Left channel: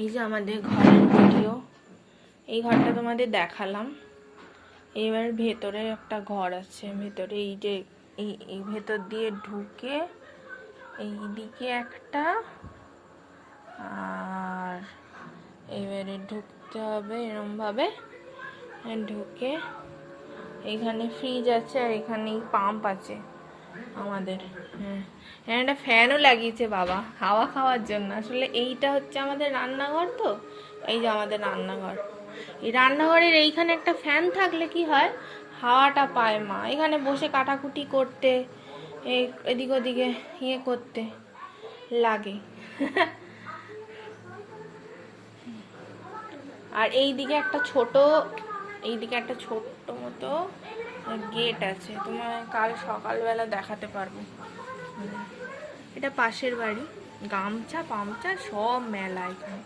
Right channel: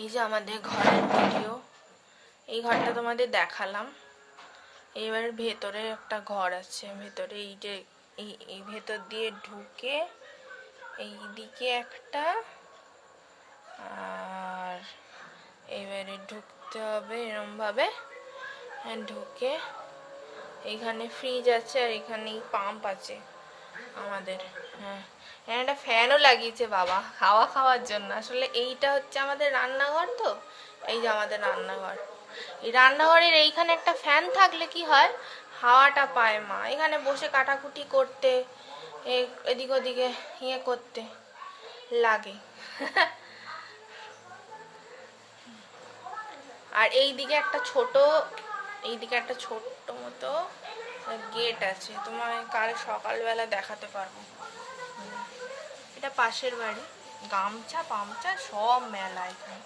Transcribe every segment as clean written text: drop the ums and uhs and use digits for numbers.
এই যে আমাদের ঘরের ভিডিও, এই ঘরটা তোমাদের দেখালাম। এবার ভেতরে একটা ঘর আছে, ভেতরে এই যে এই ভেতর দিয়ে ঢুকে এই দিকে একটা, আর এবারে ঢুকতে হবে এরম ভাবে, ঢুকে এখানে ফ্রিজ আছে আর এখানে পাম্প আছে আমাদের। হ্যাঁ, একটা ফ্যানও লাগিয়েছে বাবা হাওয়া খাওয়ার জন্য। আসলে এইটা হচ্ছে আমাদের রান্নাঘর, তো এই যে আমাদের রান্নাঘর। এই রান্নাঘরের এইখানে একটা ফ্যান থাকলে কি হয়, হাওয়াটা পায় মা, এখানে বসে কাটাকুটি করতে, এদিক ওদিকে ইয়ে করতে লাগে। আর এইদিকে একটা ছোট মতো গেট আছে, তোমার কাল সকালবেলা দেখাতে পারবো। এটা পাশের বাড়ি, গামছা পামচা সব মেলা এখানে,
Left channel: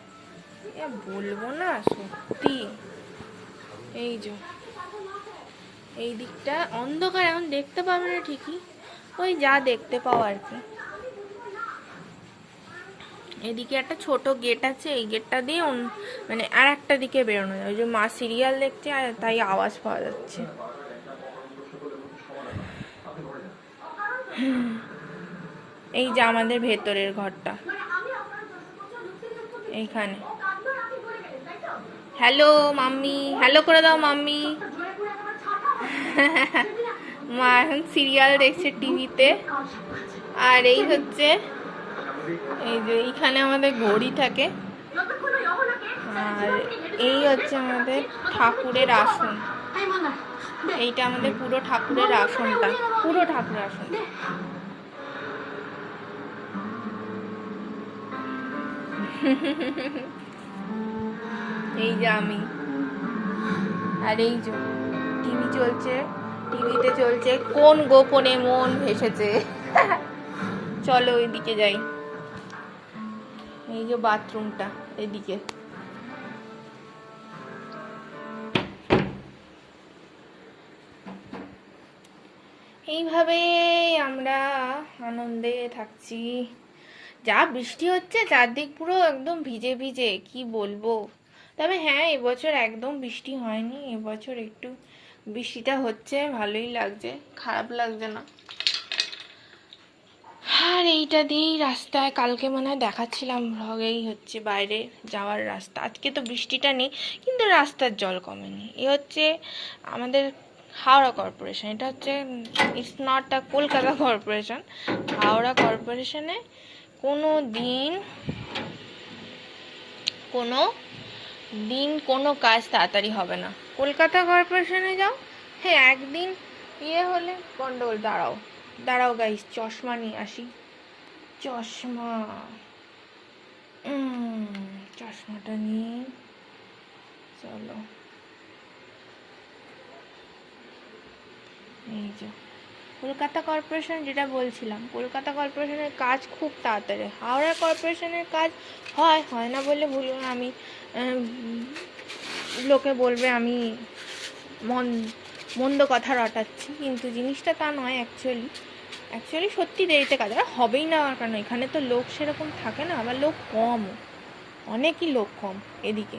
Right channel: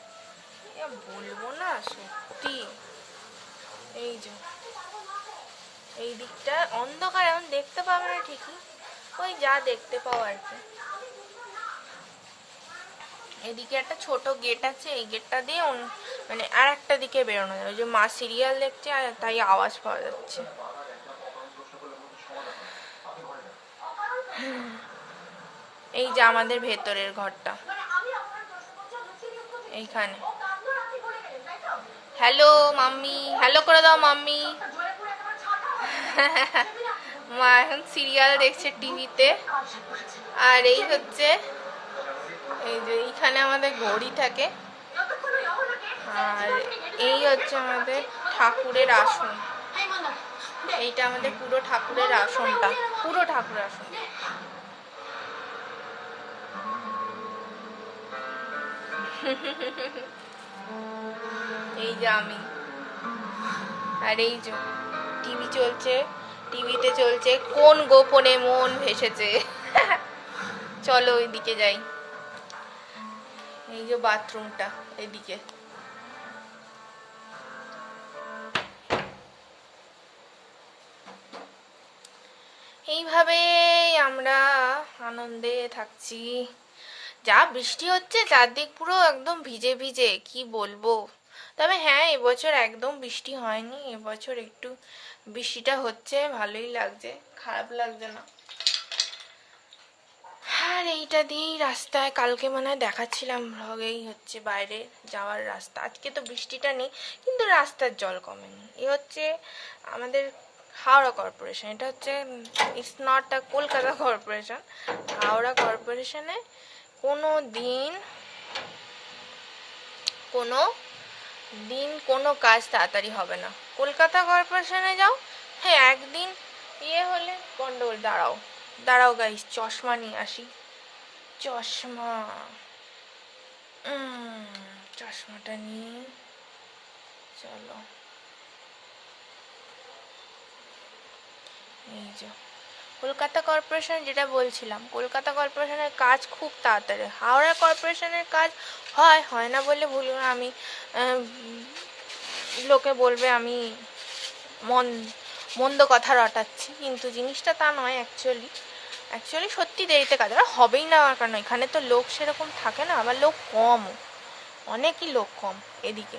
বলবো না সত্যি। এই যে এই দিকটা অন্ধকার, এখন দেখতে পাবে না ঠিকই, ওই যা দেখতে পাও আর কি। এদিকে একটা ছোট গেট আছে, এই গেটটা দিয়ে মানে আর একটা দিকে বেরোনো যায়। ওই যে মা সিরিয়াল দেখছে আর তাই আওয়াজ পাওয়া যাচ্ছে। এই যে আমাদের ভেতরের ঘরটা এইখানে। হ্যালো মাম্মি, হ্যালো করে দাও মাম্মি। মা এখন সিরিয়াল দেখছে টিভিতে। আর এই হচ্ছে, এই যে এইখানে আমাদের ঘড়ি থাকে। আর এই হচ্ছে আমাদের ঠাকুরের আসন, এইটা আমাদের পুরো ঠাকুরের আসনটা, পুরো ঠাকুরের আসন। এই যে আমি, আর এই যে টিভি চলছে, টিভিতে চলছে কোন গোপনে মন ভেসেছে। চলো ওইদিকে যাই। এই যে বাথরুমটা এদিকে। এইভাবে আমরা আনন্দে থাকছি। যা বৃষ্টি হচ্ছে চারদিক পুরো একদম ভিজে ভিজে, কি বলবো। তবে হ্যাঁ, এবছর একদম বৃষ্টি হয়নি, এবছর একটু বৃষ্টিটা হচ্ছে, ভালোই লাগছে, খারাপ লাগছে না। আর এইটা দিয়েই রাস্তায় কালকে মনে হয় দেখাচ্ছিলাম ভ্লগেই হচ্ছে বাইরে যাওয়ার রাস্তা। আজকে তো বৃষ্টিটা নেই কিন্তু রাস্তার জল কমেনি। এ হচ্ছে আমাদের হাওড়া কর্পোরেশন, এটা হচ্ছে it's not a Kolkata corporation. Howrah কর্পোরেশনে কোনো দিন কোনো কাজ তাড়াতাড়ি হবে না। কলকাতা কর্পোরেশনে যাও, হ্যাঁ একদিন ইয়ে হলে গন্ডগোল। দাঁড়াও দাঁড়াও গাইস, চশমা নিয়ে আসি। চশমা, চশমাটা নিয়ে চলো। এই যে কলকাতা কর্পোরেশন, যেটা বলছিলাম, কলকাতা কর্পোরেশনের কাজ খুব তাড়াতাড়ি। হাওড়া কর্পোরেশনের কাজ হয় না বলে ভুল, আমি লোকে বলবে আমি মন্দ কথা রটাচ্ছি, কিন্তু জিনিসটা তা নয়। অ্যাকচুয়ালি সত্যি দেরিতে কাজ, আর হবেই না কারণ এখানে তো লোক সেরকম থাকে না, আবার লোক কম, অনেকই লোক কম এদিকে,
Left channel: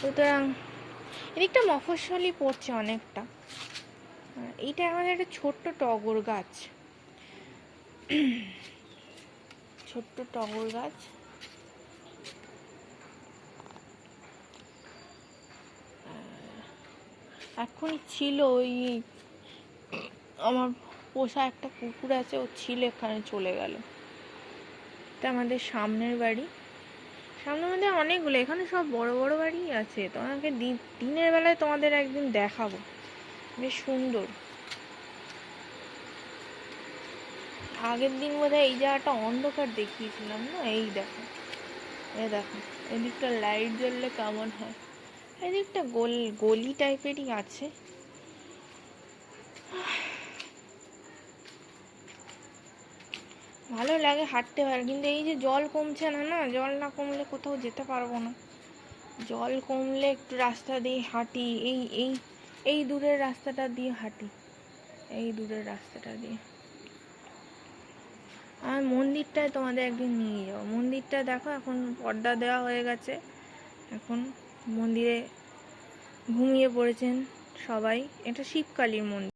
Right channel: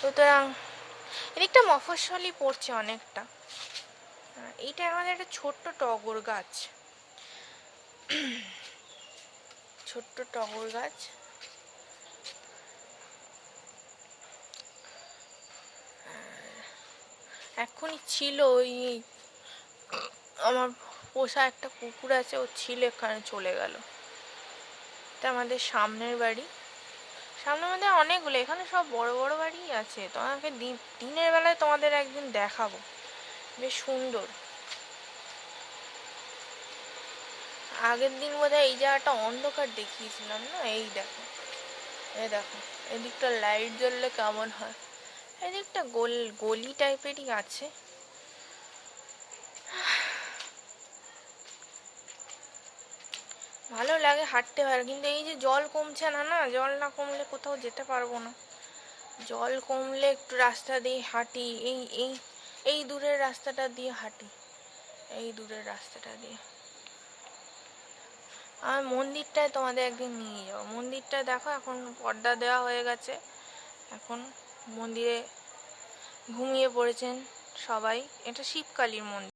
সুতরাং এদিকটা মফস্বলই পড়ছে অনেকটা। এইটা আমাদের একটা ছোট্ট টগর গাছ, ছোট্ট টগর গাছ। এখনই ছিল, ওই আমার পোষা একটা কুকুর আছে, ও ছিল এখানে, চলে গেল। এটা আমাদের সামনের বাড়ি, সামনের মধ্যে অনেকগুলো, এখানে সব বড় বড় বাড়ি আছে। তোমাকে দিনের বেলায় তোমাদের একদিন দেখাবো, বেশ সুন্দর। আগের দিন বোধহয় এই জায়গাটা অন্ধকার দেখিয়েছিলাম না, এই দেখো, এই দেখো এদিকটা লাইট জ্বললে কেমন হয়। এদিকটা গলি টাইপেরই আছে। ভালো লাগে হাঁটতে, ভালো, কিন্তু এই যে জল কমছে না, জল না কমলে কোথাও যেতে পারবো না। জল কমলে একটু রাস্তা দিয়ে হাঁটি, এই দূরের রাস্তাটা দিয়ে হাঁটি, এই দূরের রাস্তাটা দিয়ে। আর মন্দিরটায় তোমাদের একদিন নিয়ে যাবো। মন্দিরটা দেখো এখন পর্দা দেওয়া হয়ে গেছে, এখন মন্দিরে ঘুমিয়ে পড়েছেন সবাই। এটা শিবকালীর মন্দির।